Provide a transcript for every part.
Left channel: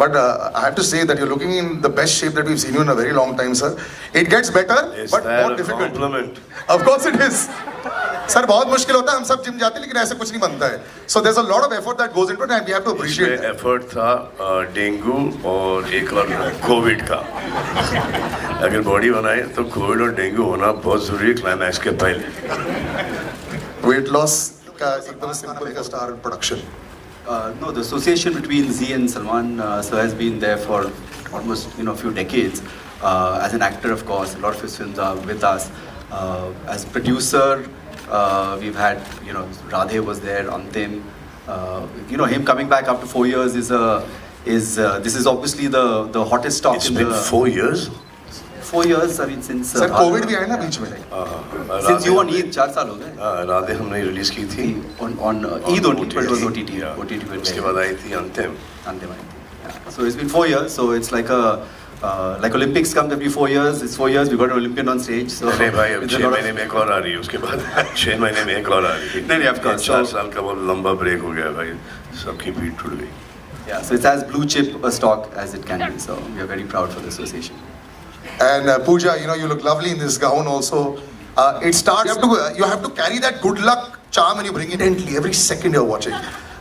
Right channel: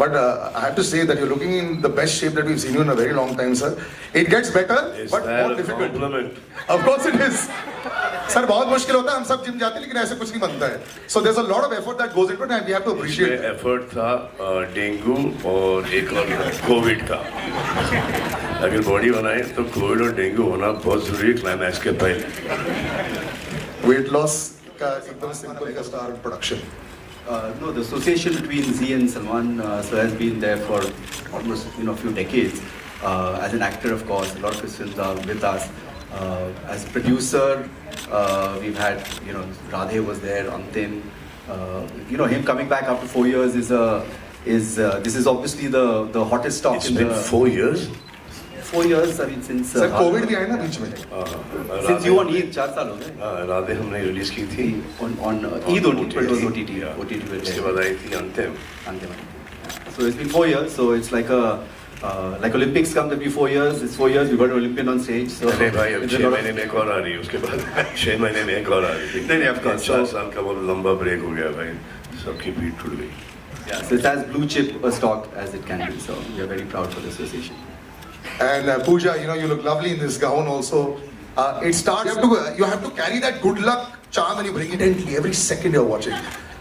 But I have to say that you're looking in the best shape that we've seen you in a very long time, sir. It gets better, Is but that more a difficult. compliment? Of course it is. Sir बहुत मुश्किल होता है हम सब gym जाते हैं लेकिन ऐसे कुछ नहीं बनता है so there's a lot of effort that goes into it and we have to appreciate इसमें that. एफर्ट था डेंगू और एक और कोविड का. अगर बॉडी बनाए तो कोविड और डेंगू होना बहुत जरूरी है क्लाइमैक्स के पहले. Weight loss का एकदम सिंपल का star production. No, the association between Z and Salman sir has been there for almost few decades. As an actor, of course, a lot of his films are with us. As producer, we've had Radhe was there, Antim. Him coming back after 4 years is this is obviously the hottest stock. It's been 4 years. 4 years, I mean, since sir Covid भी आया ना बीच में. since you on Eid 4 साल हो गए. राधे हमने release की थी on Eid OTT, but it was OTT. OTT उसके बाद आई थी अंतिम. So it's been 4 years. So it's like like Olympics comes every 4 years. It's 4 years. We got an Olympian on stage. So अरे भाई अब 6 महीने में एक और आ रही है उसके बाद 6 महीने में एक और आ रही है. नहीं, of course. 4 साल का वो लंबा ब्रेक हो गया भाई. सबकी पीठ टूट गई. Yeah. So it's as blue chip a stock as it can be. So we are very proud for the association. And Pooja, you look lovely in this gown also. It starts, you have to carry that good luck charm and you bring it intently every second you're watching.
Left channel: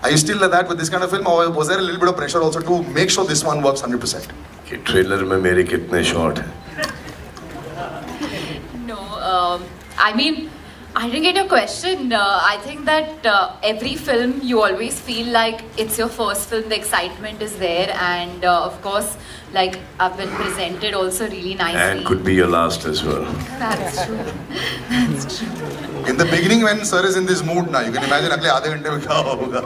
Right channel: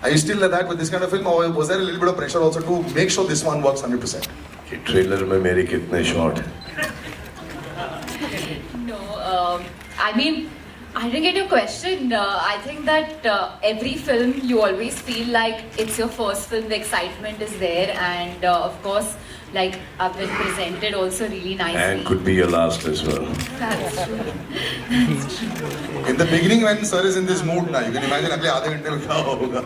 Are you still like that with this kind of film or was there a little bit of pressure also to make sure this one works 100%? कि trailer में मेरे कितने shot हैं. No, I mean, I didn't get a question. I think that every film you always feel like it's your first film, the excitement is there, and of course, like I've been presented also really nicely. And could be your last as well. That's true. That's true. In the beginning when sir is in this mood now, you can imagine अगले आधे घंटे में क्या होगा.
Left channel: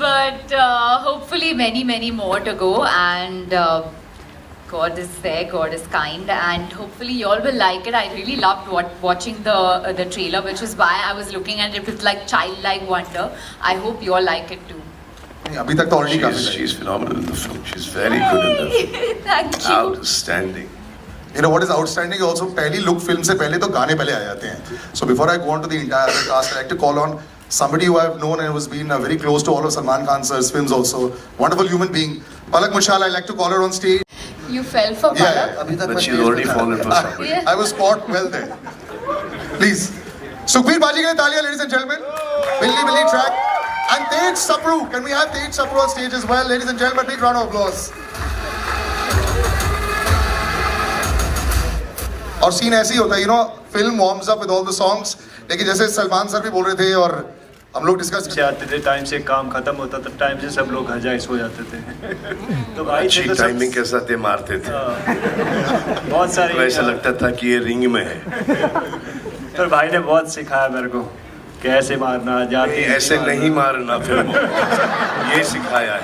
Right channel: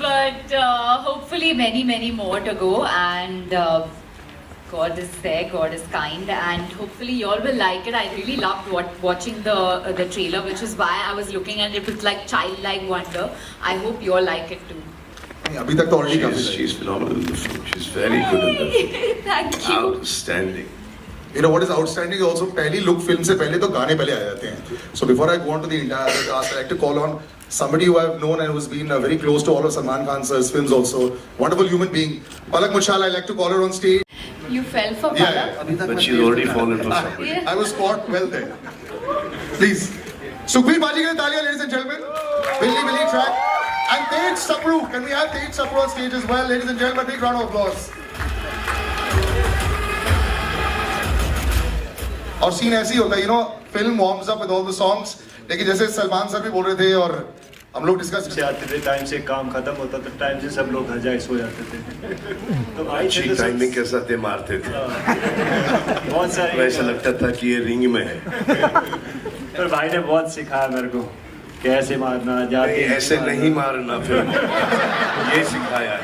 But hopefully many more to go, and God is there, God is kind, and hopefully you all will like it. I really loved watching the trailer, which is why I was looking at it with like childlike wonder. I hope you all like it too. अभी तक तो already काफी. She's phenomenal in the film. She's very good in the film. Thank you. Outstanding. You know what is outstanding also पहली look film से पहले तो गाने पहले आ जाते हैं. So before I go on to the entire cast, I'd like to call on somebody who I've known and who's been very close to all of Salman Khan sir's films also. Wonderful human being. Palak Muchal, I'd like to call her on stage. You fell for Palak? Yeah. अभी तक But मैं she's stage already पे था. fallen for somebody. Yeah. I was caught well there. Please. Sukhbir Baji के लिए तालियां, ladies and gentlemen. Billy track. And Tej Sapru. Can we have Tej Sapru on stage as well, ladies and gentlemen? Big round of applause. और scene ऐसे ही होता है, film warms up with all the songs. लेकिन जैसे Salman sir भी बोल रहे थे और हम लोग डिस्कस से आते थे, टाइम से काम खत्म होता था, टाइम से सब लोग घर जाके सो जाते थे. तो भाई अच्छी तो टाइमिंग के साथ ये मारते थे. बहुत तो सारे ऐसा लगता था कि ये रिंग में है. तो भाई ने बहुत सिखाया मेरे को कैसे मारना जाके. ऐसे नहीं मारना फिल्म. ये सिखाया है.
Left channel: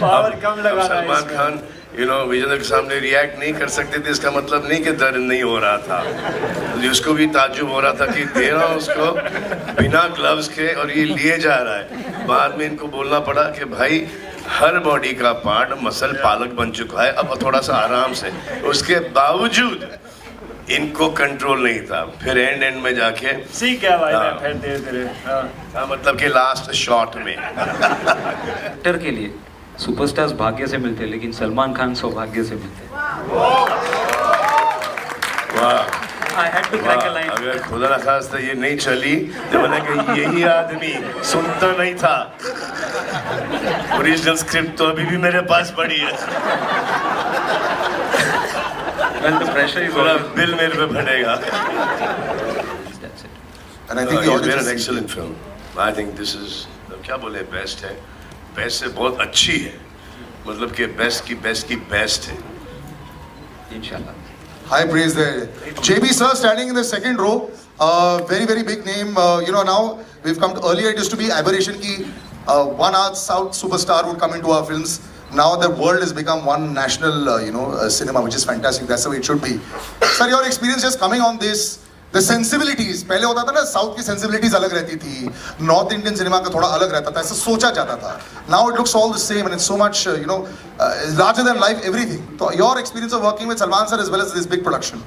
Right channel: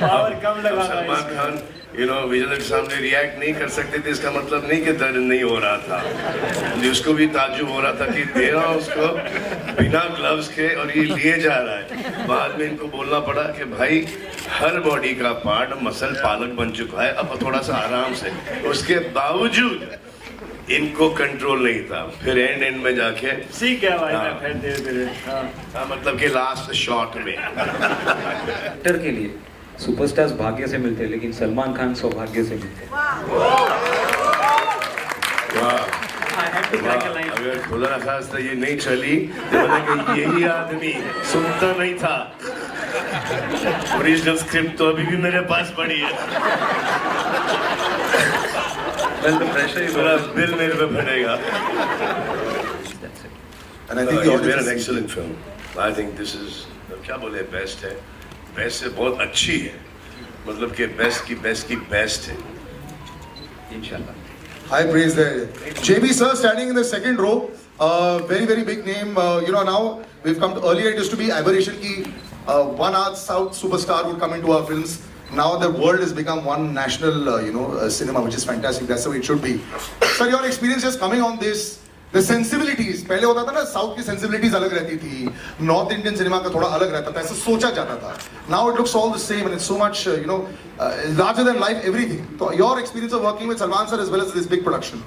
पावर कम अब लगाना सलमान है. खान विजय के सामने रिएक्ट नहीं कर सकते थे. इसका मतलब नहीं कि दर्द नहीं हो रहा था. उसको भी ताज्जुब हो रहा था कि दे रहा हूँ उसको बिना ग्लव्स के और ये लिए जा रहा है. बाद में इनको बोलना पड़ा कि भाई हर बॉडी का पार्ट मसल पालक बन चुका है, अब थोड़ा सा आराम से. उसके बावजूद इनको कंट्रोल नहीं था. फिर एंड में जाके सीख गया भाई मैं फिर धीरे-धीरे. मतलब कि लास्ट शॉट में एक्टर के लिए सुपरस्टार्स भाग्य से मिलते हैं लेकिन सलमान खान सौभाग्य से मिलते हैं. वाह. I had to crack a line. अगर खुदा ना खास्ता ये नहीं चली तो मैंने कहा यही आदमी सुनता नहीं था. ओरिजिनल स्क्रिप्ट तो अभी भी मेरे पास पड़ी है. Well, the pressure is थोड़ा on. बिल मेरे पे पड़ेगा. And I think the It's been an audience excellent film. I think this is क्या बोले बेस्ट है. बेस्ट से बहुत अच्छी है. मतलब कि बेस्ट की बेस्ट है. इंशाल्लाह. high praise there. JB sir standing in the second row, very big name. Now we've come to, earlier it used to be aberration ki one South superstar would come into our films. Now the world has become one national cinema, which is fantastic. That's the way it should be. Sir, your experience just coming on this, the sensibilities. पहले होता था ना south की sensibilities अलग रहती थी, north Indian cinema का थोड़ा अलग रहता था, ऐसे सोचा जाता था. Now it looks all the same and it's so much larger than life everything. So your experience of working with Salman sir as well as this big production.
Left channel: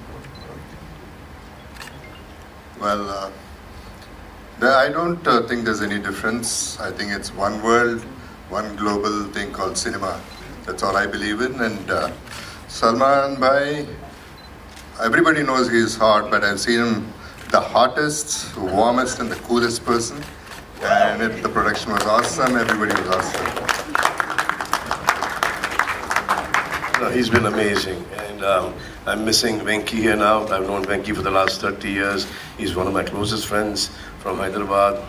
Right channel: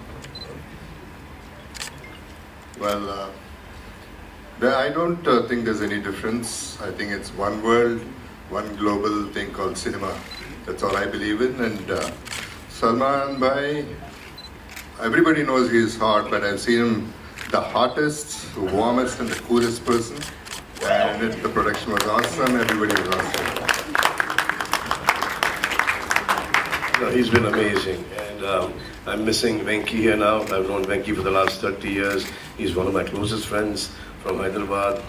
Well, I don't think there's any difference. I think it's one world, one global thing called cinema. That's all I believe in. And Salman Bhai, everybody knows he's hot, but I've seen him the hottest, warmest, and the coolest person. And the production was awesome. Everybody was awesome. No, he's been amazing, and I'm missing Venki here now. I've known Venki for the last 30 years. He's one of my closest friends from Hyderabad,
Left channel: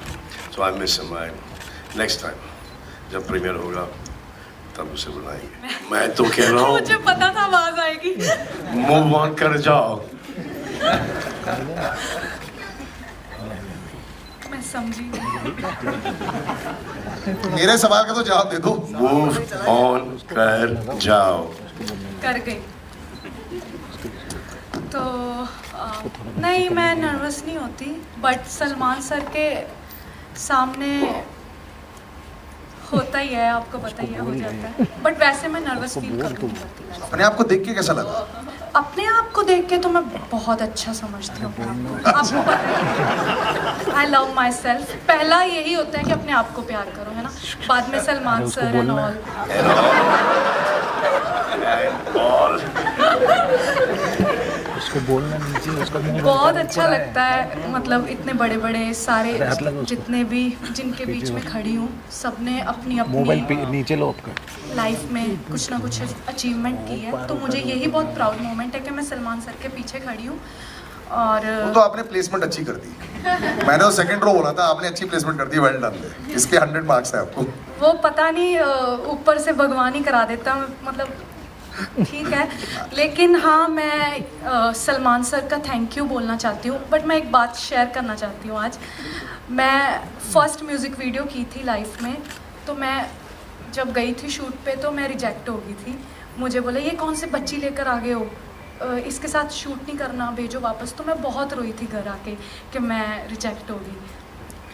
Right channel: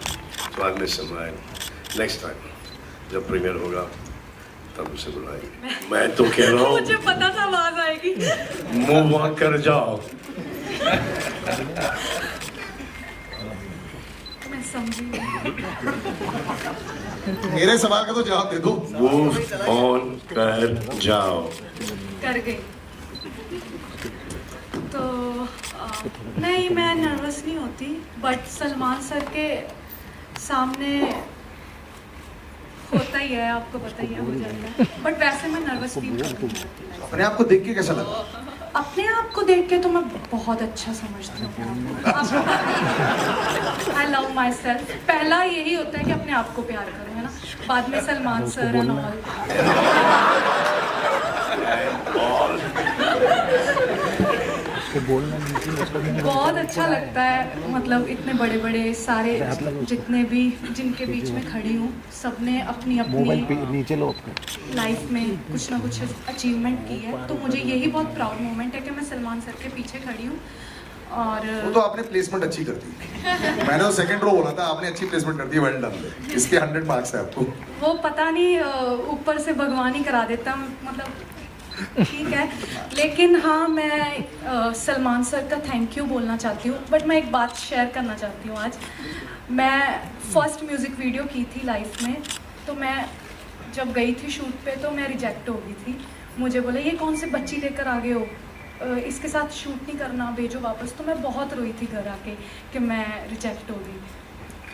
so I miss him. Next time, जब premiere होगा, तब उसे बुलाएंगे. मैं तो कह रहा हूँ. मुझे पता था आवाज आएगी. Move on कर जाओ. मैं समझी. मेरे सवाल का तो जवाब दे दो. Move on कर जाओ. कर गई. तो नहीं, मैं नर्वस नहीं होती, बट सलमान सर के सामने होता ही है, आपको पता ही है, हो जाता है. बट वैसे मैं नर्वस फील करती हूँ. अपने आप को देख के कैसा लगा? अपने आप को देख के तो मैं बहुत अच्छा समझती हूँ अपने आप को. I love my self. पहला यही होता है कि अपने आप को प्यार करो, है ना. बाद में सलमान सर एंड ऑल. बहुत अच्छा लगता है. मतलब इतने बड़े बड़े सारे जितने भी जिनके बीच में खड़ी हूँ, सबने अपनी अपनी लाइफ में कुछ ना कुछ अचीवमेंट की है. तो मुझे यही बहुत प्राउड मोमेंट है कि मैं सलमान सर के पीछे खड़ी हूँ. और वो तो आपने प्लेसमेंट अच्छी कर दी. मैंने वो सेकंड रो बोला था, आपने अच्छी प्लेसमेंट कर दी. Well done. इसके 100 मार्क्स है आपको. वो पता नहीं ऊपर से भगवान ही करा देता, मतलब ठीक है. लेकिन हाँ, मैं सलमान सर का थैंक यू बोलना चाहती हूँ. बट मैं एक बात शेयर करना चाहती हूँ आज. मैं फर्स्ट म्यूज़िक वीडियो की थी लाइफ में, तो मैं जब गई थी शूट पे तो मैं रिजेक्ट हो गई थी. मुझे बोला ये कौन से बच्ची लेकर आ गए हो, इसके साथ शूट नहीं करना, भेजो वापस. तो मैं बहुत रोई थी घर आके कि मैं रिजेक्ट हो गई.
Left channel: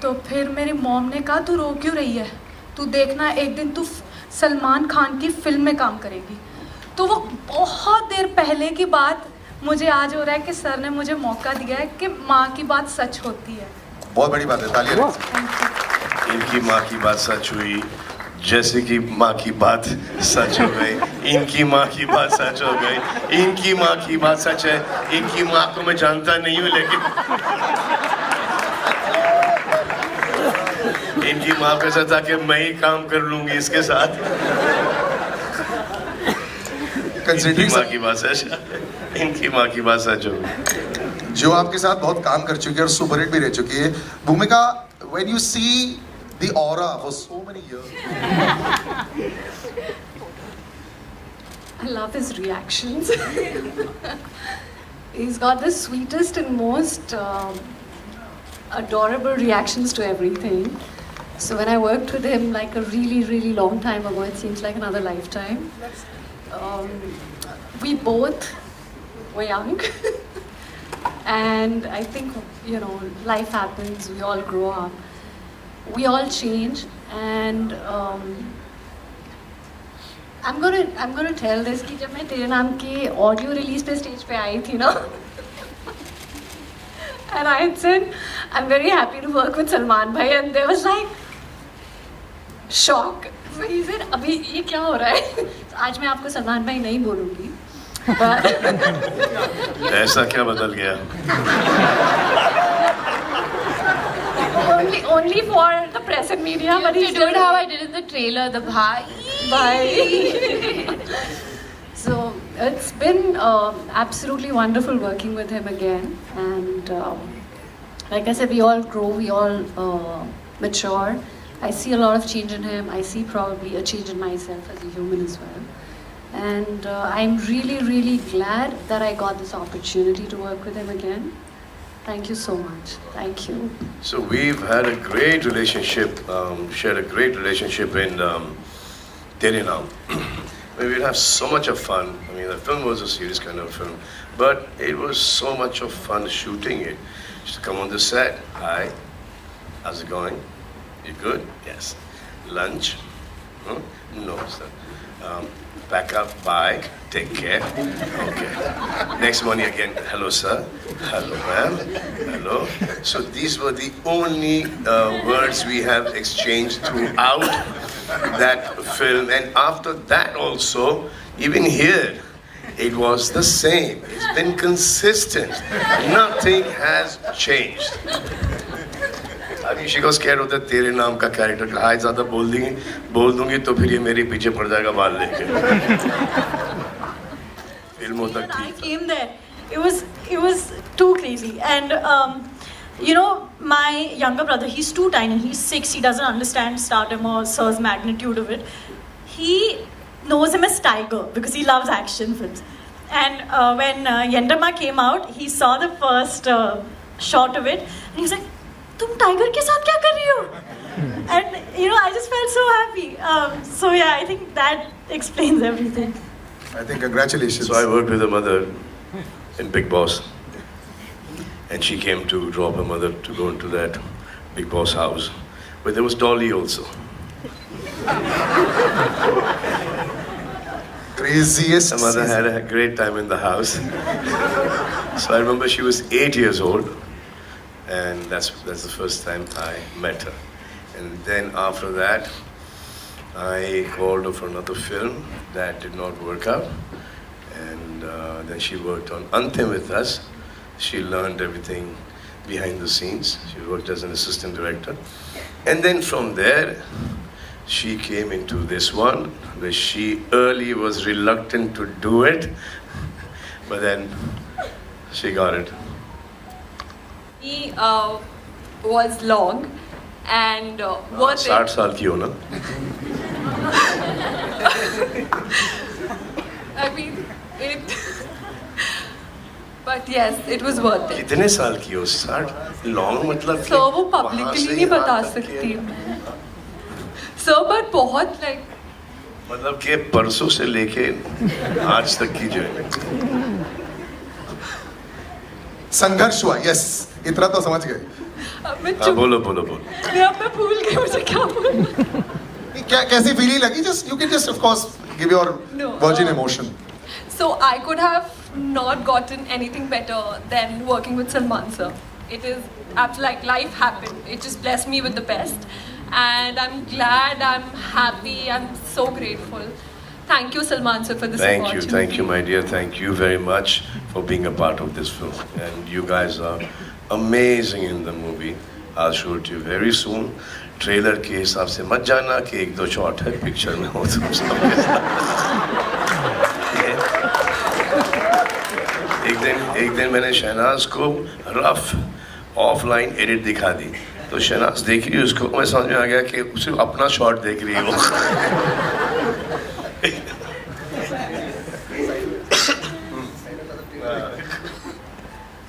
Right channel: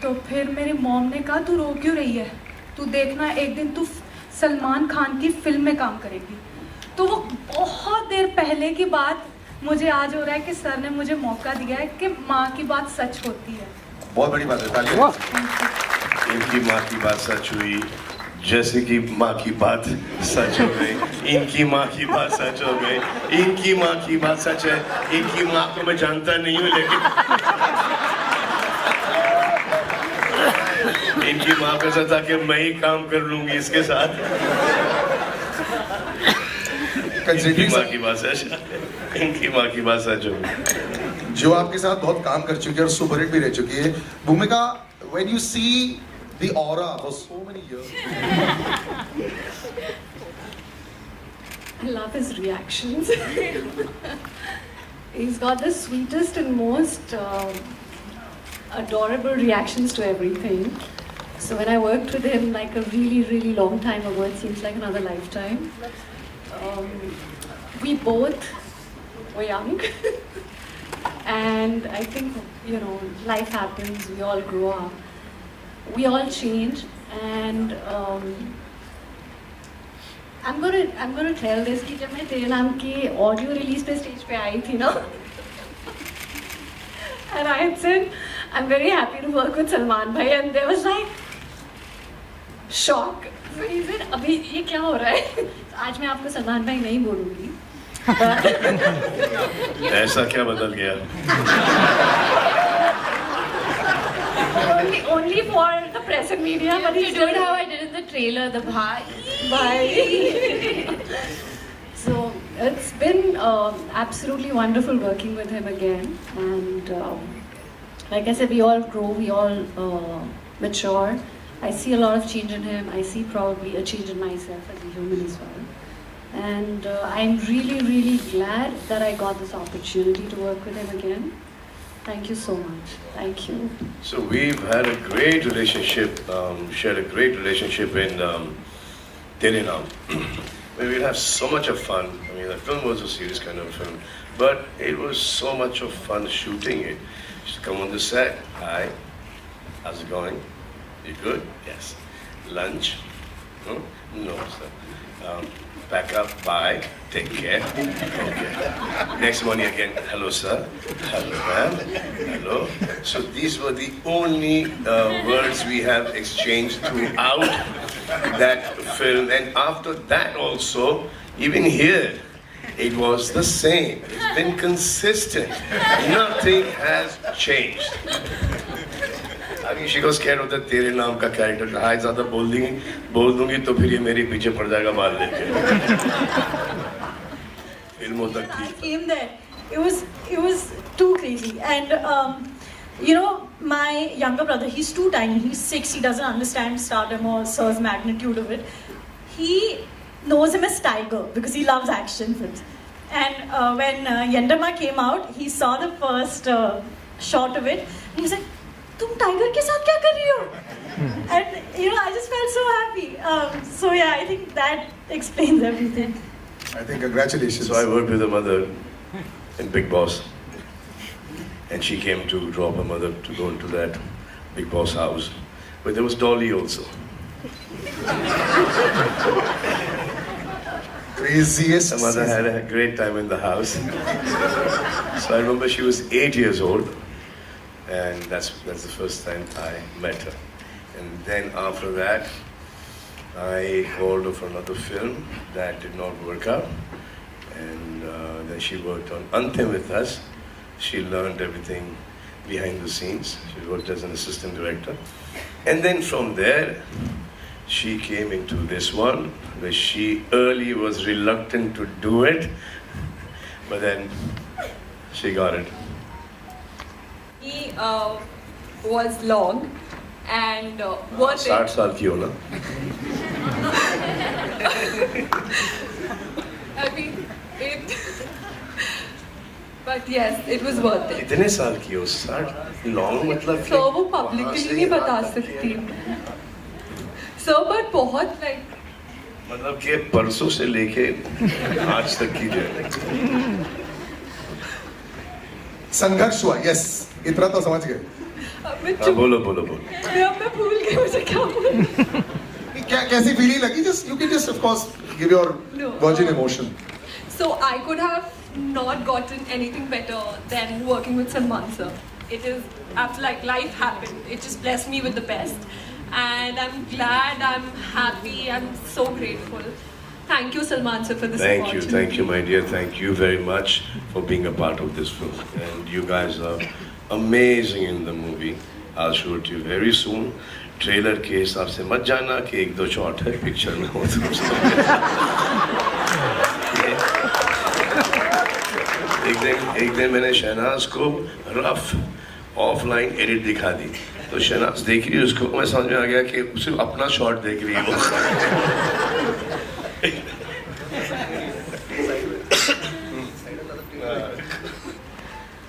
तो फिर मेरी मॉम ने कहा तू रो क्यों रही है, तू देखना एक दिन तू सलमान खान की फिल्म में काम करेगी. तो वो बहुत देर पहले की बात मुझे आज हो रहा है कि सर ने मुझे मौका दिया है कि माँ की बात सच होती है. बहुत बड़ी बात है. तालियां. इनकी माँ की बात सच हुई, जैसे कि माँ की बात सच हो गई. इनकी माँ की बात सच हो गई. इनकी माँ की बात सच है. इनकी माँ को मैं जानता नहीं हूँ, लेकिन इनकी माँ का था कि मैं ही काम कर लूंगी इसके साथ. कंसिडरिंग माँ की बात सच, इनकी माँ की बात सच हो गई. जो आपके साथ बहुत काम कर चुकी है और सुपरहिट भी रह चुकी है. Bhumika, when you see the aura for so many years. I love his reactions. He's got the sweetest and most adorable reactions to everything. So when I worked with him like a really, really long time ago, it seems like another lifetime. We both were young. And I think, you know, life happens, we all grow up. We all change, and I'm gonna tell this कि जब मैं तेरे नाम की audio release पे stage पे आई थी ना, and I had said I'm very happy to work with Salman bhai, and there was like shock. So he said अभी ये क्या हो रहा है. आज मैं आपको सलमान भाई नहीं बोलूँगी. ऐसा क्या बदल गया? Only for the press and media, but You did how I did in the trailer, the bhai. Bye. So it's been absolutely wonderful working with him again, and like I said, we all grow, we all mature. I see a lot of change in him. I see probably a change in myself as a human as well. And I'm really, really glad that I got this opportunity to work with him again. Thank you so much. Thank you. So we've had a great relationship, shared a great relationship in Tere Naam. We have so much of fun. I mean, the film was a serious kind of film, but it was so much of fun shooting it. Just come on the set. Hi, how's it going? You good? Yes. Lunch? Hmm? No, sir. Pack up, bye, take care. Okay. Next morning again, hello sir, hello ma'am, hello. So these were the only words we have exchanged throughout that film. And after that also, even here, it was the same. It's been consistent. Nothing has changed. अभी she was scared होता तेरे नाम का character कहा है ज़्यादा बोल दूंगी तो फिर ये मेरे पीछे पड़ जाएगा बाल लेके फिल्मों तक I ठीक came there. It was too crazy. And you know, my younger brother, he's too tiny. He's 6. He doesn't understand stardom or Sir's magnitude of it. He knows him as Tiger because he loves action films. And when Yendama came out, he saw the first shot of it. And he was like, "Tum Tiger ke saath kya kar rahi ho?" And you know, I just felt so happy. So yeah, I think that explains everything. I think congratulations. So I worked with a mother in Big Boss. And she came to drop her mother to go into that Big Boss house. But there was Dolly also. Craziest. Her mother had a great time in the house. So I remember she was 8 years old. And that's the first time I met her. And then after that, I called her for another film that did not work out. And then she worked on Antim with us. She learned everything behind the scenes. She worked as an assistant director. And then from there, she came into this one, where she early was reluctant to do it. But then she got it. He was long and worth 60 it. साल की हो ना? I mean, it. But yes, it was worth it. कितने साल की हो? 60 long मतलब So वो वहाँ publicly से नहीं यहाँ बता तक सकती मैं. So but बहुत like मतलब कि परसों से लेके आज तक की जर्नी संघर्ष हुआ. Yes. इतना तो समझ गए. अब मैं हाँ चुप. बोलो बोलो बोलो अब मैं भूल गई मुझे क्या बोलना. क्या कैसी फीलिंग लगी? Just you can just of course give your No. virgin emotion. So I could have not gotten anything better than working with Salman sir. It is like life happened. It just blessed me with the best. And I'm glad, I'm happy, I'm so grateful. Thank you Salman sir for this opportunity. Thank you my dear, thank you very much for being a part of this film. And you guys are amazing in the movie. I'll show it to you very soon. Trailer के हिसाब से मत जाना कि 1-2 shot है picture में हो तो एक दिन मैंने शहनाज को रफ ऑफलाइन एडिट दिखा दी तो शहनाज देख रही उसको मैं समझ में आ गया कि सिर्फ अपना शॉट देख रही है वो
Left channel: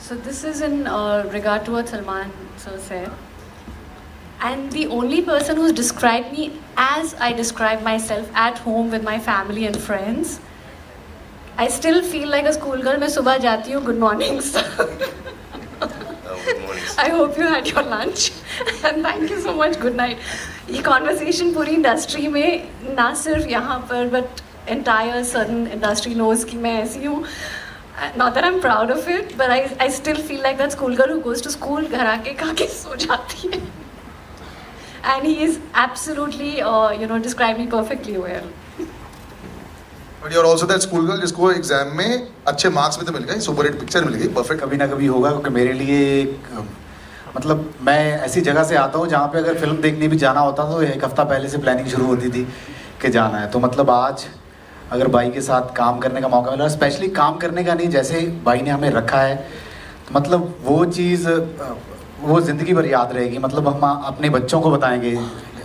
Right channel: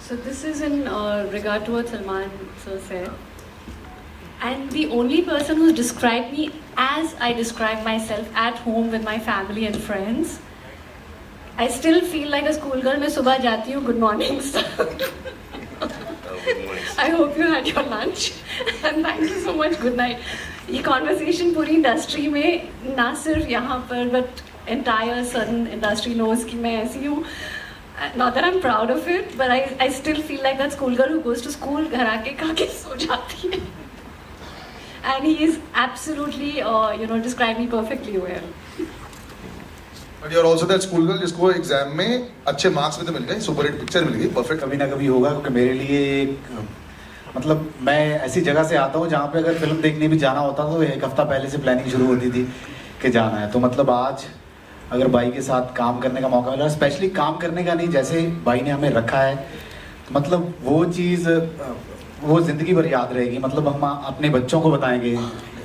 So this is in regard to what Salman sir said. And the only person who's described me as I describe myself at home with my family and friends. I still feel like a schoolgirl. मैं सुबह जाती हूँ. Good morning, sir. I hope you had your lunch. And thank you so much. Good night. ये conversation पूरी industry में ना सिर्फ यहाँ पर but entire certain industry knows कि मैं ऐसी हूँ. Not that I'm proud of it, but I still feel like that schoolgirl who goes to school घर आके खा के सो जाती है. And he is absolutely, described me perfectly well. But you're also that school girl जिसको exam में अच्छे marks भी तो मिल गए, सुपर हिट पिक्चर मिल गई, परफेक्ट. कभी ना कभी होगा क्योंकि मेरे लिए एक मतलब मैं ऐसी जगह से आता हूँ जहाँ पे अगर फिल्म देखने भी जाना होता तो 1 हफ्ता पहले से प्लानिंग शुरू होती थी कि जाना है. तो मतलब आज अगर भाई के साथ काम करने का मौका मिला, स्पेशली काम करने का नहीं, जैसे भाई ने हमें रखा है तो मतलब वो चीज़ वो ज़िंदगी भर याद रहेगी. मतलब हम अपने बच्चों को बताएंगे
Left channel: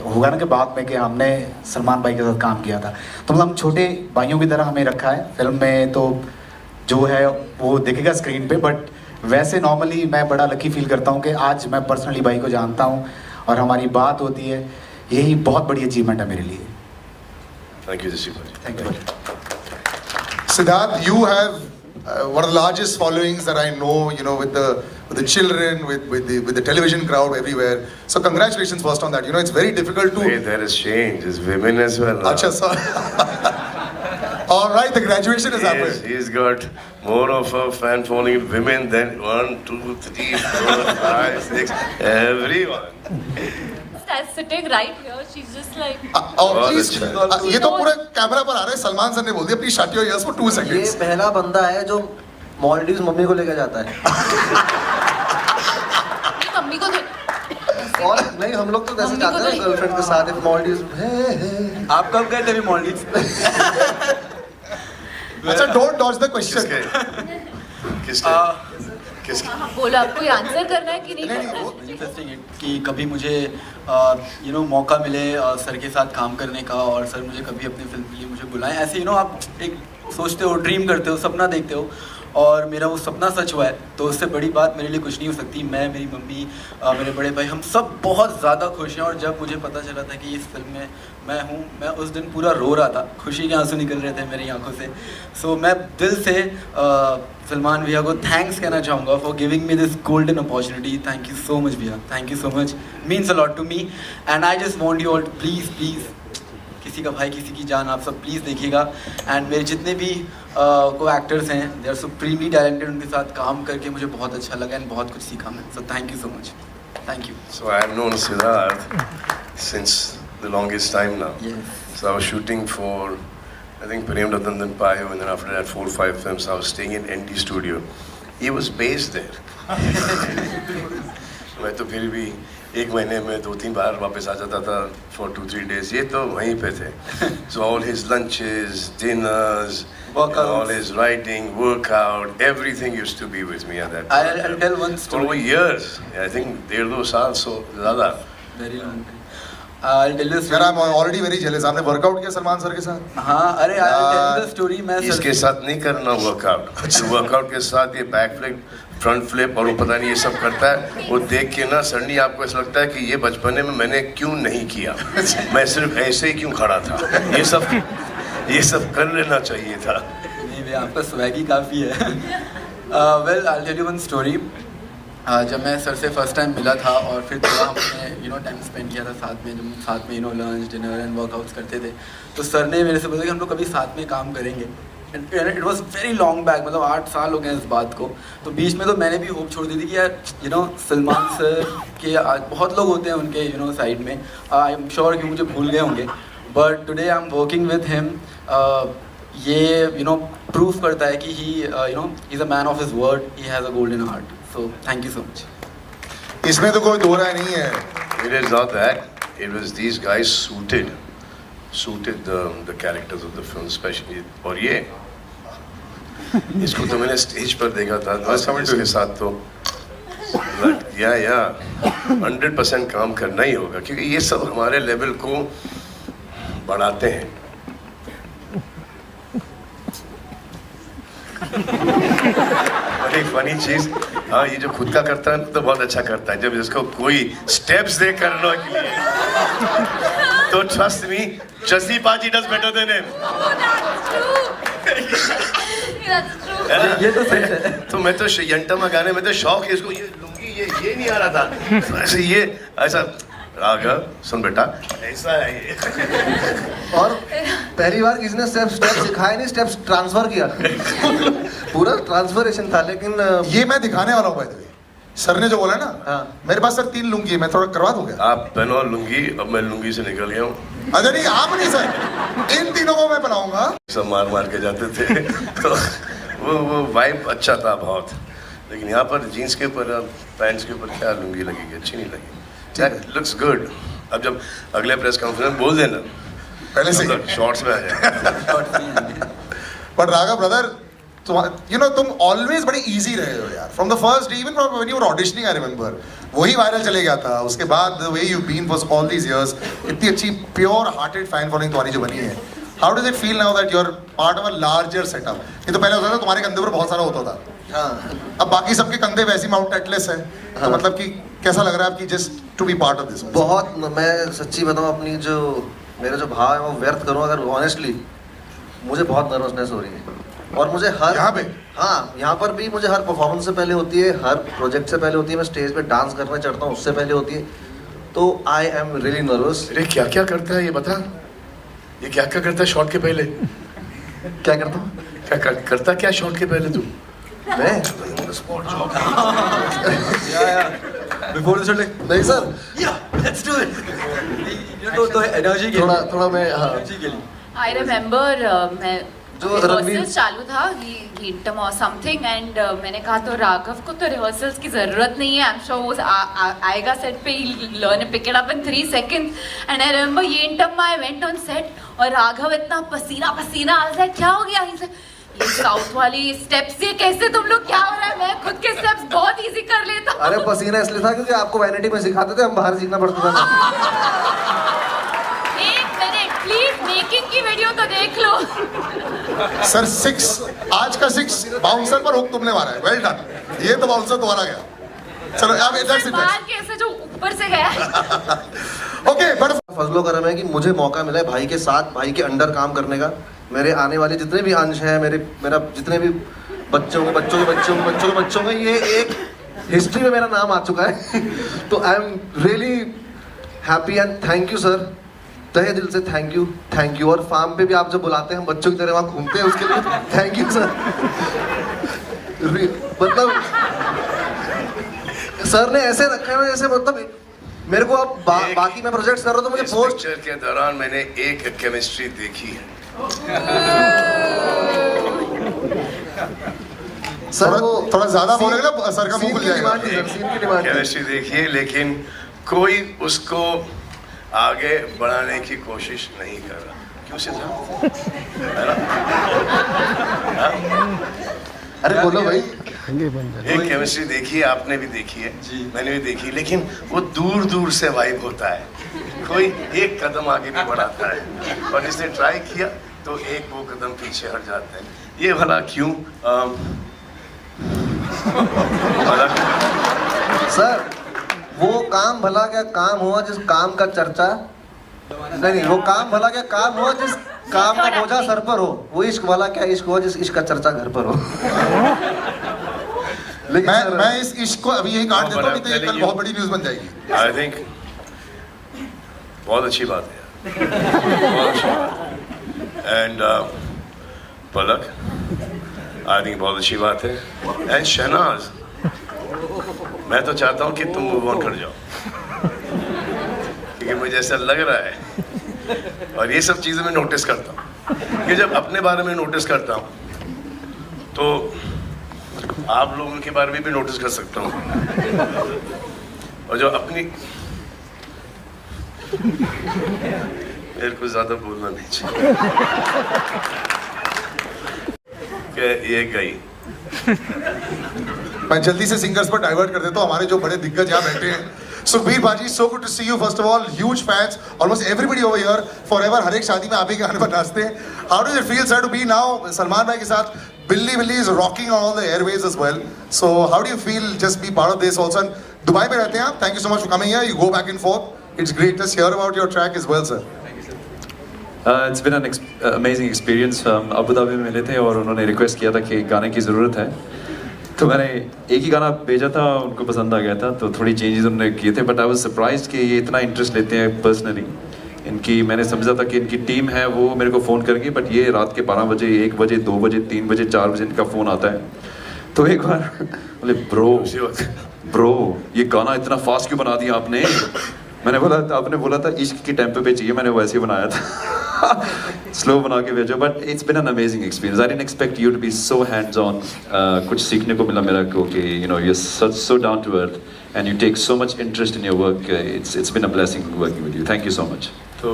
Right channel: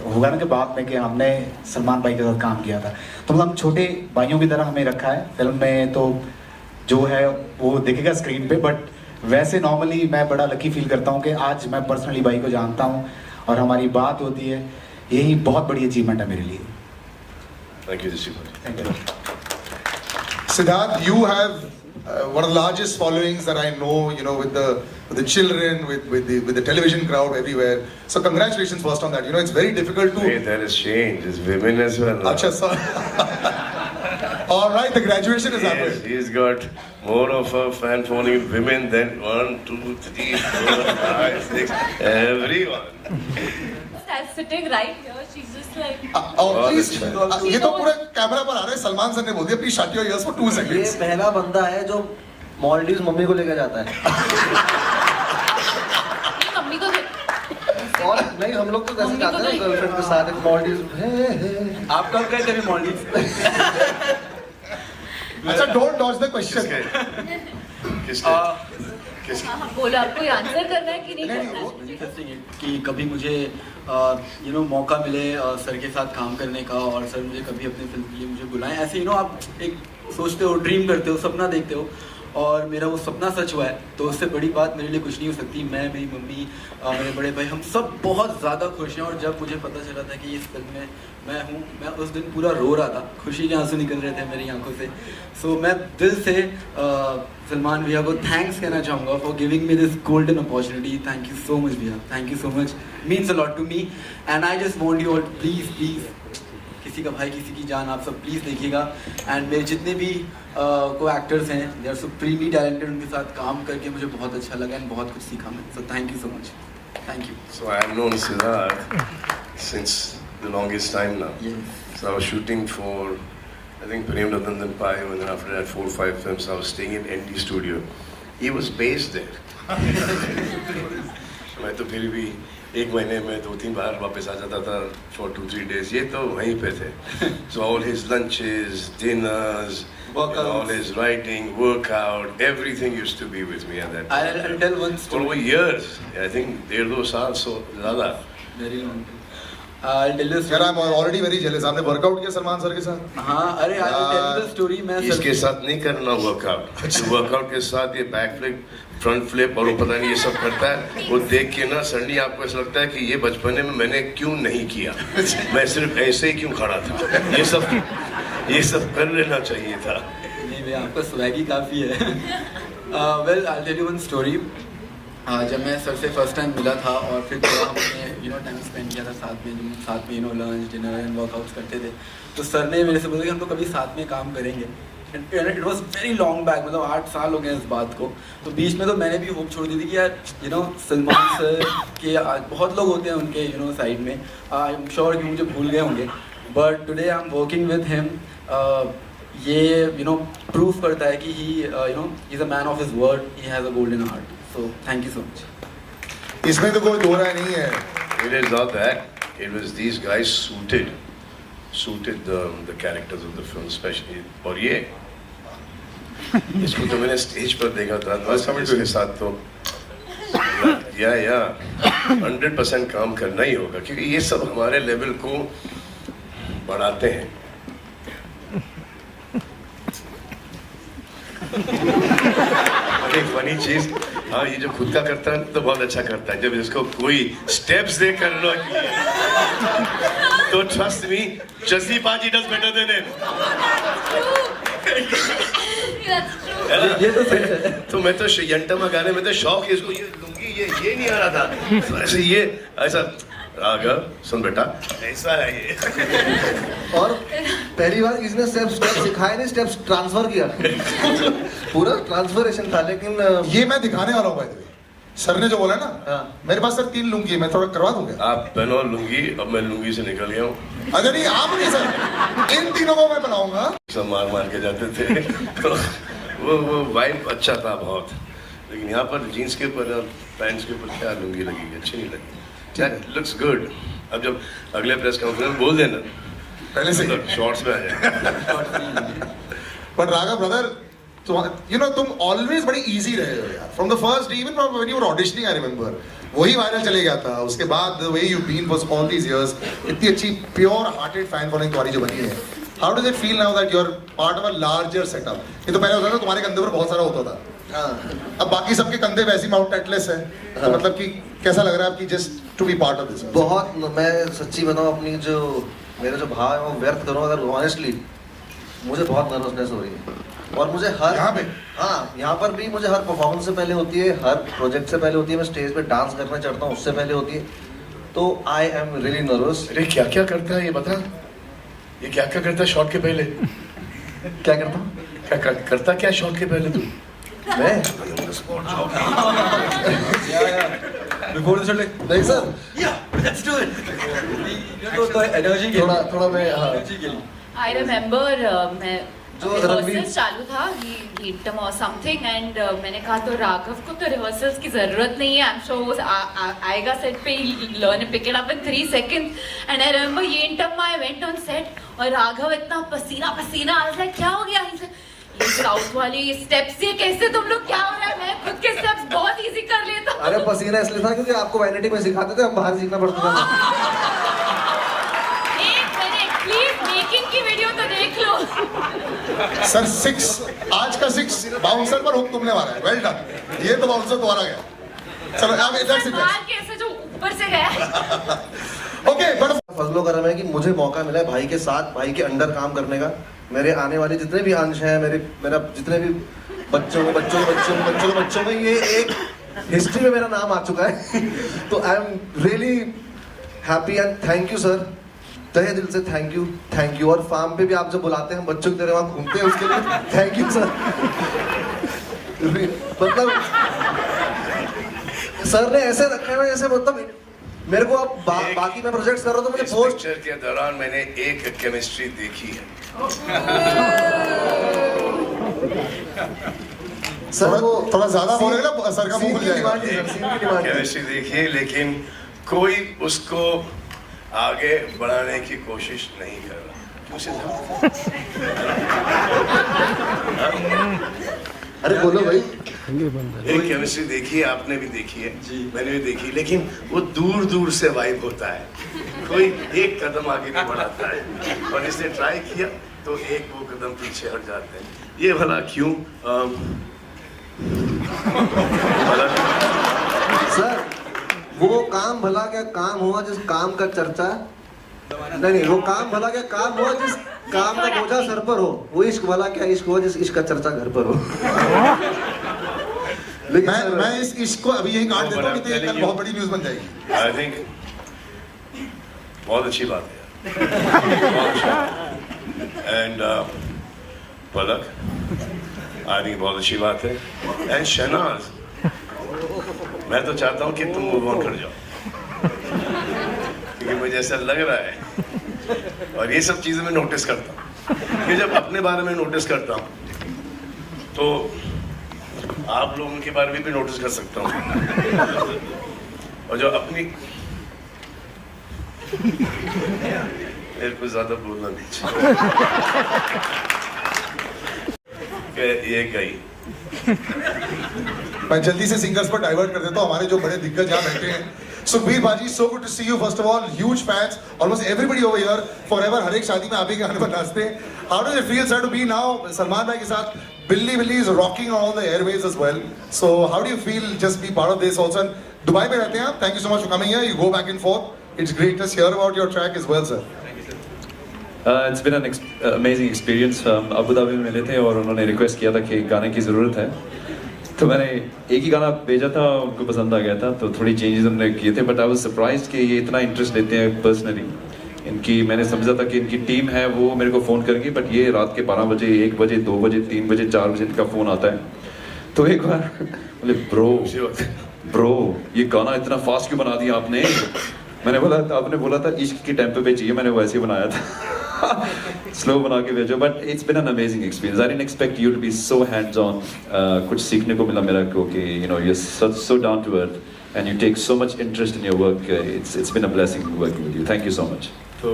होगा ना कि बाद में कि हमने सलमान भाई के साथ काम किया था. तो मतलब छोटे भाइयों की तरह हमें रखा है फिल्म में. तो जो है वो देखेगा स्क्रीन पे. बट वैसे नॉर्मली मैं बड़ा लकी फील करता हूँ कि आज मैं पर्सनली भाई को जानता हूँ और हमारी बात होती है. यही बहुत बड़ी अचीवमेंट है मेरे लिए. Thank you thank you. Siddharth, you have one of the largest followings that I know, with the children, with the television crowd everywhere. So congratulations first on that. It's very difficult to. Hey, there is change. There's women as well. Acha, sir. All right, the graduation is happening. Yes, he's got more of a fan following women than 1, 2, 3, 4, 5, 6, everyone. sitting right here. She's just like. please, अच्छा ये तो पूरा camera पर आ रहा है, Salman sir ने बोल दिया please shut your ears for 2 ये seconds. पहला बंदा है जो मॉलडीव्स मम्मी को लेकर जाता है. मम्मी को और नहीं, हम लोग तो कैसे जाते हैं गर्लफ्रेंड के साथ मॉलडीव्स. आप कब गए थे मॉलडीव? अच्छा, डोंट डॉज द क्वेश्चन. किसके हाँ, बोलो आपको आंसर करना है कि नहीं करना है? इंटरेस्टिंग है कि कभी मुझे मौका मिले सर के साथ काम करने का, और सर मुझे कभी अपनी फिल्म के लिए मुझे बुलाएं. ऐसे आप एक सोचते हो, ड्रीम करते हो, सपना देखते हो, और मेरा वो सपना सच हुआ है. तो उससे बड़ी बात मेरे लिए कुछ नहीं हो सकती. मैं, मेरी मम्मी, मेरे बड़े भाई, हम सब बहुत ज़्यादा खुश हैं. और जब मुझे पता चला था कि इस फिल्म में मैं हूँ, मैं उस दिन पूरा रो रहा था. खुशी के आंसू निकल रहे थे मेरी आंखों से. सो मैं दिल से सलमान भैया को थैंक्स कहना चाहूँगा for giving me this golden opportunity. Thank you so much भैया, thank you so much. Means a lot to me. And I just want you all please please, किसी का भाई किसी की जान, आप सब प्लीज़ देखिएगा. एंड मेरे जितने भी को एक्टर्स हैं, दे आर सुप्रीमली टैलेंटेड. उनके साथ काम करके मुझे बहुत अच्छा लगा एंड बहुत कुछ सीखा मैं. So thank you so much. Thank you. So I've known Siddharth since the longest time now. Yes. So I was shooting for, I think, Prem Ratan Payo, and then after that 4 or 5 films. I was staying in NT Studio. He was based there. मैं तो फिर भी 1 महीने में 2-3 बार वापस आ जाता था for 2-3 days. ये तो वहीं पे थे. So all his lunches, dinners, Workouts. all his writing, workout, everything used to be with me at that time. I'll tell one story. Over years, I think 1.5-2 साल so ज़्यादा. Very long time. I'll tell you a यार, story. I'm already very jealous. आपने workout किया Salman sir के साथ? हाँ, अरे I'll tell you the story. मैं इसके साथ नहीं करना वर्कआउट. वर्कआउट के साथ ये बैक फ्लिप, फ्रंट फ्लिप और वो पता नहीं ये सब करता है. वो देख के ना सडनली आपको ऐसा लगता है कि ये बचपने में मैंने क्यों नहीं किया. मैं सिर्फ ऐसे ही क्यों खड़ा था. ये सब कर लेना चाहिए था. नहीं भैया, आपका स्वैगी काफ़ी है. Well, I'll tell you one story. जब मैं सर से फर्स्ट टाइम मिला था और फिर थोड़ा हमने टाइम स्पेंड किया था साथ में, जब साथ में लंच, डिनर एंड वर्कआउट्स करते थे, तो सर ने मेरे से बोला कि हम लोग कभी साथ में काम करेंगे. It was very long back, मतलब 8 साल हो गए इस बात को. तो बीच में तो मैंने भी होप छोड़ दी थी कि यार सलमान सर के बहुत लोग होते हैं उनके साइड में, आई एम श्योर कि मुझे भूल गए होंगे. But today I am working with him. ये प्रूफ करता है कि he is a man of his word. He has a golden heart. So thank you so much. इसमें तो कोई दो राय नहीं है. It is not that. It was these guys suited the characters of the film, especially. और ये इसको तो मैंने स्टेज पर देखा था. इसके साथ तो या 100% काम करना ही होगा, क्योंकि ये सब हमारे लेवल को बढ़ाते हैं. फनी चीज, हाँ, ये जो खुद का करता है तो बहुत अच्छा करता है. जब इसको कोई स्टेप्स दे करना तो ट्रस्ट मी, जसी पाजी डज बेटर देन हिम. ये तो सही है. तो मैं तो यंटमा गाने में तो शौक है इसको. ये लुंगी ये नहीं आ रहा था. ऐसे ये ऐसा आ गया. सुन बेटा, ऐसा है ये. और पहली बार किसी ने स्टेप्स सिखाए नहीं, स्टेप्स ट्रांसफर किया. पूरा ट्रांसफरेशन था. लेकिन ये मैं दिखाने वाला हूँ भाई. सर ने जो बोला ना, हाँ. मेरे पास सर 3 लुंगी है, मैं थोड़ा करवा दूंगा. आप पहनो लुंगी. अब मैं लुंगी से निकल गया हूँ. अच्छा नहीं, आप नहीं सर, इन तीनों को मैं बनाऊंगा. सब मार के जाते थे. तो वो वाइब अच्छा था बहुत. लेकिन यहाँ पर जीन्स के ऊपर, पैंट्स के ऊपर क्या लुंगी लगेगी, अच्छी नहीं लगी. That looks good. अब जब अगले प्रेस कॉन्फ्रेंस बोल देना पहले से शॉर्ट्स में आ जाए. पर राघव ब्रदर, तुम ऑलवेज बड़े इजी रहे हो यार. From the first day, even when you were auditioning, I remember वही वायरल चले गया था. उसके बाद the way you been for all these years, इतनी अच्छी प्योर हार्टेड फैन फॉलोइंग तुम्हारी जो बनी है. How does it feel now that you are part of a larger setup? ये तो पहले होता था तुम्हारे कंधे पर बहुत सारा होता था. हाँ. अब बाकी सबके कंधे वैसे माउंट एटलेस है. तो मतलब कि कैसा लग रहा है आपकी just to be part of this? बहुत. मैं सच्ची बताऊं, अपनी मेरा जो भाव है वो व्यर्थ करूं अगर ऑनेस्टली, मुझे बहुत नर्वसनेस हो रही है. और मुझे हर यहाँ पे, हाँ, यहाँ पर भी मुझे हर परफॉर्मेंस से पहले होती है, हर प्रोजेक्ट से पहले होती है. मैं स्टेज पे डांस करने चढ़ता हूँ उससे पहले होती है. तो आई एम रियली नर्वस. अरे क्या क्या करता है ये बता. ये क्या क्या करता है शॉट के पहले? क्या करता हूँ? क्या करता क्या शॉट के पहले तू? मैं Before the shooting. नहीं सर, Let's do it. तो एनर्जी थोड़ा मैं I remember मैं जो रिहर्सल्स चालू था गीतम और समथिंग एंड मैंने कहा तो राघव को तो रिहर्सल्स की जरूरत नहीं है, आई एम श्योर आएगा सेट पे, learn pick it up in 3 seconds and I remember येंटम I went on set और राघव इतना पसीना पसीना आ रहा है, क्या हो गया, ये साउथ वाली स्टेप्स ये कैसे तुम लोग, क्या हो रहा है, मैं खुद के स्टेप्स बहुत इजी कर लेता हूं। अरे पसीना इसलिए था क्योंकि आपको वैनिटी में सिखाते थे, हम बाहर सीखना पड़ता था। एक मिनट प्लीज, मेकिंग की वीडियो तो देख लो। सर 6 आज का 6 बाउंसर पर हुक तुमने मारा है, वेल डन। ये तो बाउंसर तुम्हारा गया। चलो अब दैट्स इट। बाहर कैसे जो ऊपर से गया। ओके बट फजलो करम है कि मुझे मौका मिला है भाई के साथ, भाई के अंडर काम करने का। मेरे आने वाले जितने भी अंश हैं, मेरा जितने भी बच्चों में ये एक हिस्ट्री में मेरा नाम आ चुका है। तो I am really happy and thank you sir, तहे दिल से थैंक यू। और फार्म पे भी आप जो बुलाते हैं बच्चों की तरह वहाँ घूमते हैं, उसके लिए थैंक यू सर। मतलब सर ने ऐसे रखे हुए जैसे, मतलब मेरे को अब बाकी मैं प्रोजेक्ट्स कर रहा हूँ तो मुझे पोस्ट पिक्चर के दौरान मैंने एक केमिस्ट्री देखी है। सर वो थोड़ा ज्यादा बोलेगा ना, सर का मुंह खुल जाएगा। केमिस्ट्री देखी है लेकिन कोई उसको आगे बढ़ाने की कोशिश नहीं कर रहा। क्यों अरे बोलो भाई। एक केमिस्ट्री देखी है, आपने भी देखी है, मैंने भी देखी, लेकिन वो दूर दूर से वाइब होता है, कोई एक कदम आगे नहीं बढ़ाता है। और इसने ट्राई किया तो एक वो कदम पीछे हट जाते हैं। ये भला क्यों? सर वो काम भला क्या काम हुआ जिस काम का चर्चा नहीं, वो काम भला क्या काम हुआ जिस काम का बोझा सर पर हो। वो इश्क वाला क्या इश्क हुआ जिस इश्क का चर्चा घर पर हो। मैं इस इश्क को अभी यही काट देता हूँ, नहीं तो ये कल बहुत बड़ी न्यूज़ बन जाएगी। आई थिंक बहुत अच्छी बात है। एंड पलक, आई थिंक बहुत अच्छी बात है। एंड शहनाज, मैं तो चाहता हूँ कि तुम मूव ऑन कर जाओ, क्योंकि मुझे ऐसा लग रहा है, और ये सब चीज़ें मैं नोटिस करता हूँ कि जब अपने बारे में नोटिस करता हूँ तो आप लोगों के बारे में भी नोटिस कर सकता हूँ। और जो अपनी मेरे को ज्यादा बोलना नहीं चाहिए कि ये गई। मैं जल्दी से सिंगर्स पर डाइवर्ट कर देता हूँ, हमारे जो बड़े दिग्गज यहाँ बैठे हैं। सुखबीर बाजी, so good to see you. First of all, huge fans. Almost everybody over here, forever. हर एक शादी में आप ही के गाने पर नाचते हैं. How does it feel, sir, to be now Salman भाई के साथ? Billy is rocking on all the airways as well. So how do you feel just be part of this also? And Dubai में रहते हैं आप. Thank you so much for coming here. You go back and forth. It's great to hear about your track as well, sir. It's been an amazing experience. Abu Dhabi में मिले थे और उन्होंने request किया था कि गाने की ज़रूरत है, तो मैंने एक ही गाना भेजा था, उनको पसंद आ गया था, तो थोड़ी चेंजेस हमने किए थे। बट आई वाज सरप्राइज्ड कि ये इतना इंटरेस्ट लेते हैं पर्सनली। इनकी मैंने समझा था कि इनकी टीम है वो मेरे को फ़ोन करेंगी, बट ये रात के 12 बजे, 1 बजे, 2 बजे, 3 बजे, 4 बजे इनका फ़ोन आता है। तो एक बार बोले ब्रो ये गाना इतना फास्ट क्यों बना दिया आपने? मैंने बोला था, आपने बोला था इश्क की टेम्पो पे चाहिए, मैंने वैसे ही बनाया था। स्लो बना के भेजो। But it's been an amazing experience. I didn't expect you to be so hands on. कुछ सीखने को मिला मेरा को कि you know you are so down to earth and you take so much interest in your work. It's been a blessing working with you. Thank you so much. तो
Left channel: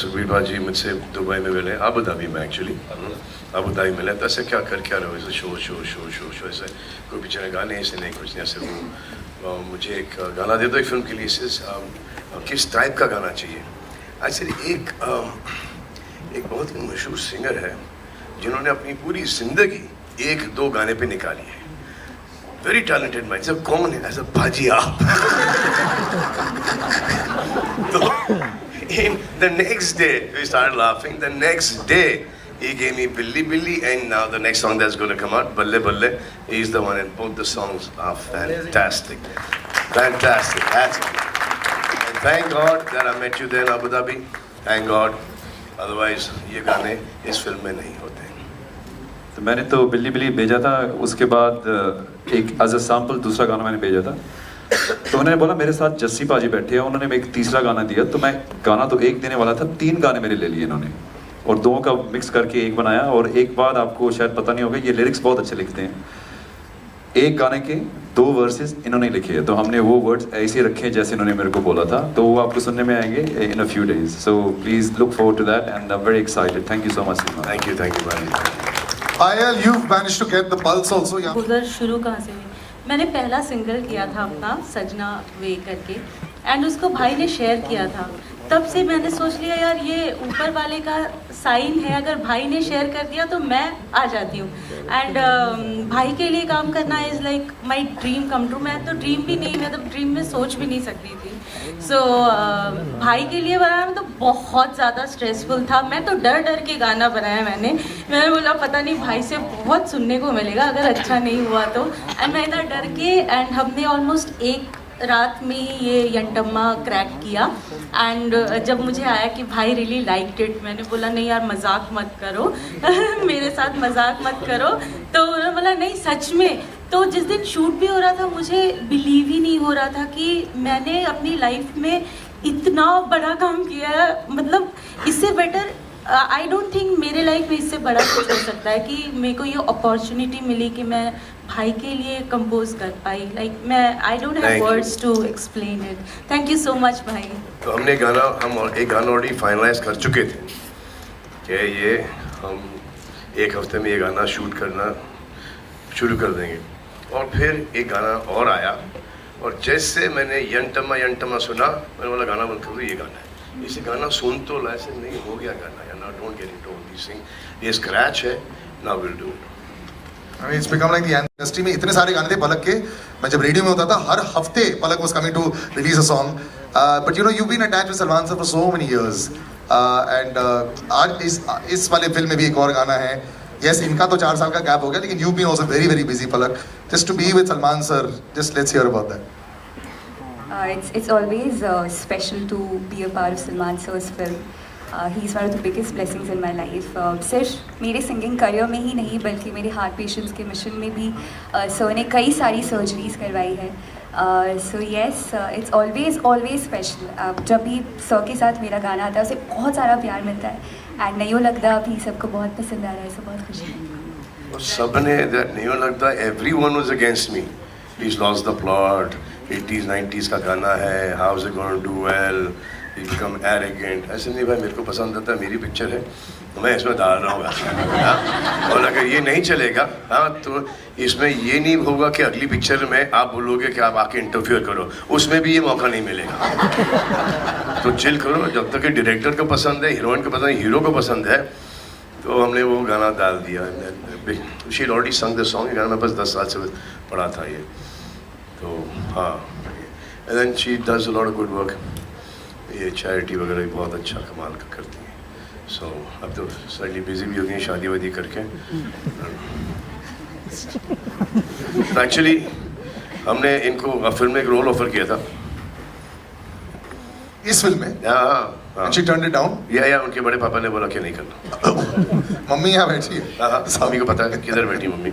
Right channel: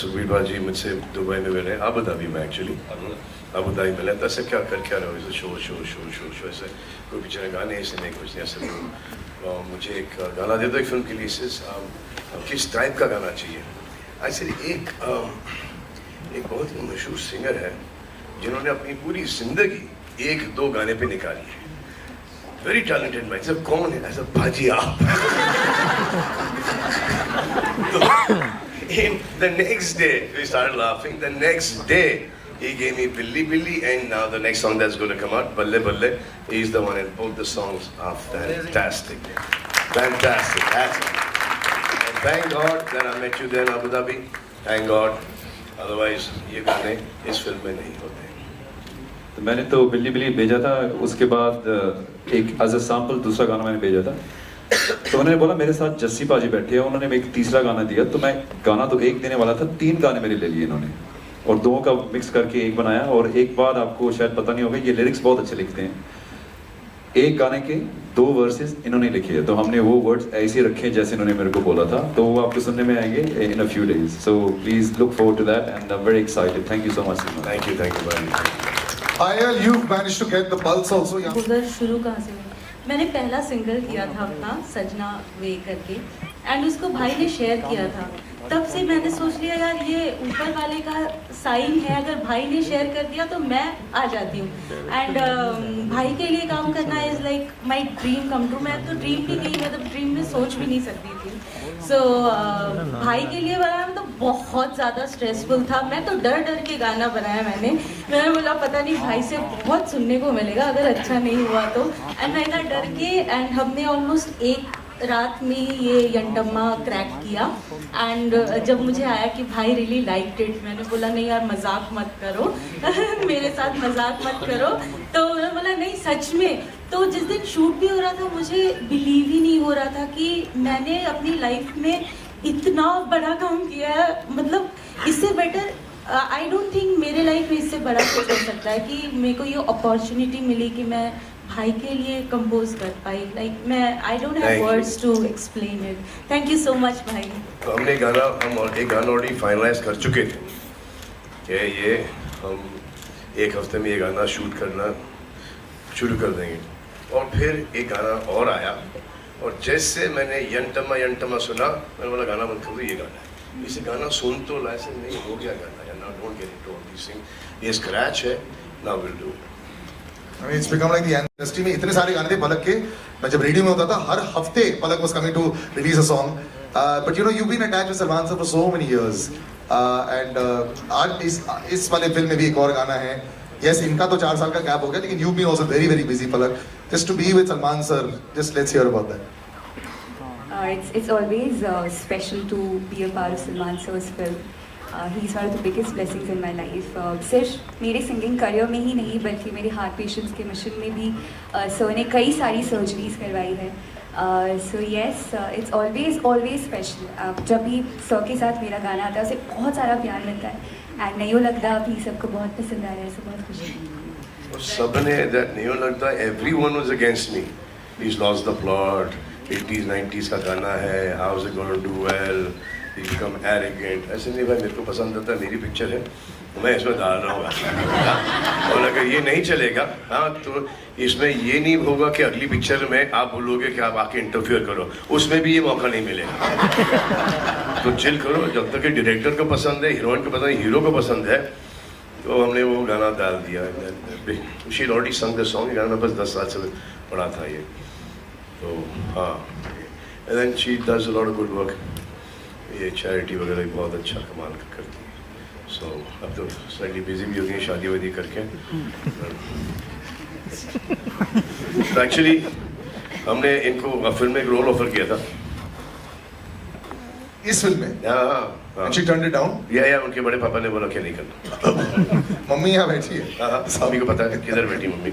सुखबीर बाजी मुझसे दुबई में मिले, अबू धाबी में actually Abu Dhabi मिले। तो ऐसे क्या कर क्या रहे हो? ऐसे शो ऐसे कोई बेचारे गाने ऐसे नहीं, कुछ नहीं ऐसे। मुझे एक गाना दे दो एक फिल्म के लिए, किस टाइप का गाना चाहिए? एक्चुअली एक बहुत मशहूर सिंगर है जिन्होंने अपनी पूरी जिंदगी 1-2 गाने पे निकाली है। Very talented man. सब कौन है? ऐसा bhajiya. In the next day we started laughing. The next day he gave me Billy, and now the next song that's going to come out, Balle Balle, he's the one, and both the songs are fantastic. Fantastic. And thank God that I met you there in Abu Dhabi. Thank God. Otherwise ये गाने इस film में नहीं होते। तो मैंने तो बिल्ली भेजा था, उसके बाद एक एज अ सैम्पल दूसरा गाना मैंने भेजा था, तो उन्होंने बोला मेरे साथ जस्सी पाजी बैठे हैं, उन्होंने एक तीसरा गाना दिया, तो मैं गाना तो एक देने वाला था, 3 गाने मेरे ले लिए इन्होंने और 2 का मिक्स करके एक बनाया। और एक बात आपको शायद पता नहीं होगा, ये लिरिक्स बहुत अच्छे लिखते हैं। एक गाने के 2 वर्सेस इन्होंने लिखे हैं, तो हमने वो वर्ड्स ऐसे रखे हैं जैसे इन्होंने मेरे को बोला था, तो वो आपको सुनने में आएंगे in a few days. So please look forward to that and I am very excited. Thank you so much. Thank you very much. Payal, you've managed to get the pulse also. Yeah. उधर शुरू कहाँ से हुई? मैंने पहला single किया था अपना सजना वे करके एंड उसको भाई ने शेयर किया था। तब से मैंने सोच लिया यार ये ऊपर वाले का साइन है, अगर भाई ने शेयर कर दिया तो मैं आ जाती हूँ। एंड भाई के लिए काम करना is like my dream come true. मैं तो ड्रीम भी नहीं, मैं तो ड्रीम में सोच भी नहीं सकती थी। सो भाई के लिए बनाना तो बहुत ज़्यादा स्ट्रेसफुल था। मैं तो डर डर के गाना बनाया मैंने बोला पता नहीं भाई से बहुत सुनने को मिलेगा अगर अच्छा नहीं हुआ तो। एंड मैंने डर के एंड हमने ऑलमोस्ट एक रात में ये यंटम्मा क्रैक किया। एंड जब मुझे आया कि भाई रियली लाइक्ड इट, मैंने बोला नहीं यार मजाक मत करो मेरे साथ मजाक मत करो। तो उन्होंने बोला नहीं सच में। तो जिस दिन शूट भी हो रहा था मुझे बिलीव ही नहीं हो रहा था कि मैंने अपनी लाइफ में इतना बड़ा काम किया है। मतलब इससे बेटर आई डोंट थिंक मेरे लाइफ में इससे बड़ा कुछ हो सकता है कि मेरे को ये अपॉर्चुनिटी मिली कि मैं भाई के लिए कंपोज कर पाई। लाइक मैं I don't have words to explain it. Thank you so much भाई। तो हमने एक गाना ऑलरेडी फाइनलाइज कर चुके थे कि ये हम एक हफ्ते में ये गाना शूट करना शुरू कर देंगे। और फिर एक गाना और आया और जैसे मैंने यंटमा सुना मैंने बोला गाना बंद कर दो, ये गाना है। इसे गाना सुन तो ऐसे नहीं हो गया गाना या ना don't get into this thing. ये स्क्रैच है, now will do it. I mean, it's become like the industry में इतने सारे गाने थे पलक के। मैं जब रेडियो में होता था हर हफ्ते पलक was coming to release a song. But you know you've been attached with Salman sir for so many years. And आज इस वाले फिल्म में भी एक और गाना है। Yes, इनका तो 4 साल का गैप हो गया, लेकिन you've been also very very busy Palak. Just to be with Salman sir, just let's hear about that. It's always special to be a part of Salman sir's film. He's one of the biggest blessings in my life. सिर्फ मेरे singing career में ही नहीं बल्कि मेरे heart patients के mission में भी sir ने कई सारी सर्जरीज करवाई है। So yes it's always special. जब भी सर के साथ मेरा गाना आता है उसे बहुत सारा प्यार मिलता है एंड नहीं लगता कि सबको बहुत पसंद आ रहा है। सो बहुत खुशी है। सबने नहीं लगता everyone was against me. He's lost the plot. 80s 90s का गाना है, how is it going to do well? He become arrogant. ऐसे नहीं भाई, मेरे को पसंद आता है, मेरी पिक्चर है तो मैं इसमें डाल रहा हूँ। और अगर ये नहीं चलेगा तो इसमें ये नहीं होगा कि अगली पिक्चर में आप बोलोगे कि आप आके इंटरफियर करो, उसमें भी ये मौका नहीं मिलेगा। तो चिल करो, जब तक कि डायरेक्टर को पसंद है, हीरोइन को पसंद है, हीरो को पसंद है, तो हमने वो गाना डाल दिया। शी ऑलरेडी संग द सॉन्ग। गाना बस 10 साल से पढ़ा था ये, तो हाँ। And then she does a lot of good work. ये चैरिटी वगैरह भी बहुत अच्छा कमाल करती है। सो अब तो स्लाइटली बिजी भी होती है शादी वादी करके। एक्चुअली हमने इनको फिल्म में एक रोल ऑफर किया था इस फिल्म में। हाँ, She turned it down? या उनके बड़े पापा ने बोला कि नहीं करना। मम्मी यहाँ बैठी है। हाँ, मम्मी को पता है किधर बैठी मम्मी।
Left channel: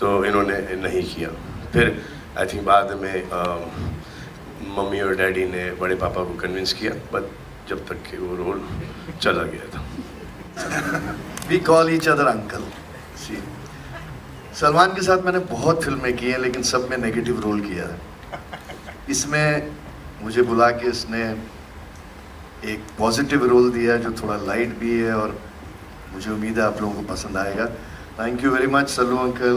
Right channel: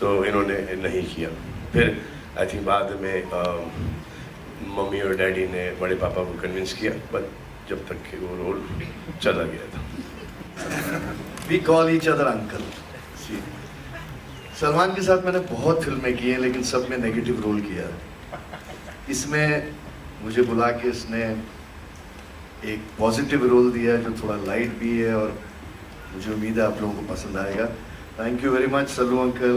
तो इन्होंने नहीं किया। फिर आई थिंक बाद में मम्मी और डैडी ने बड़े पापा को कन्विंस किया, बट जब तक कि वो रोल चला गया था। We call each other uncle. See, Salman के साथ मैंने बहुत फिल्में की हैं लेकिन सब में नेगेटिव रोल किया है। इसमें मुझे बुला के इसने एक पॉजिटिव रोल दिया है जो थोड़ा लाइट भी है और मुझे उम्मीद है आप लोगों को पसंद आएगा। Thank you very much Sallu uncle.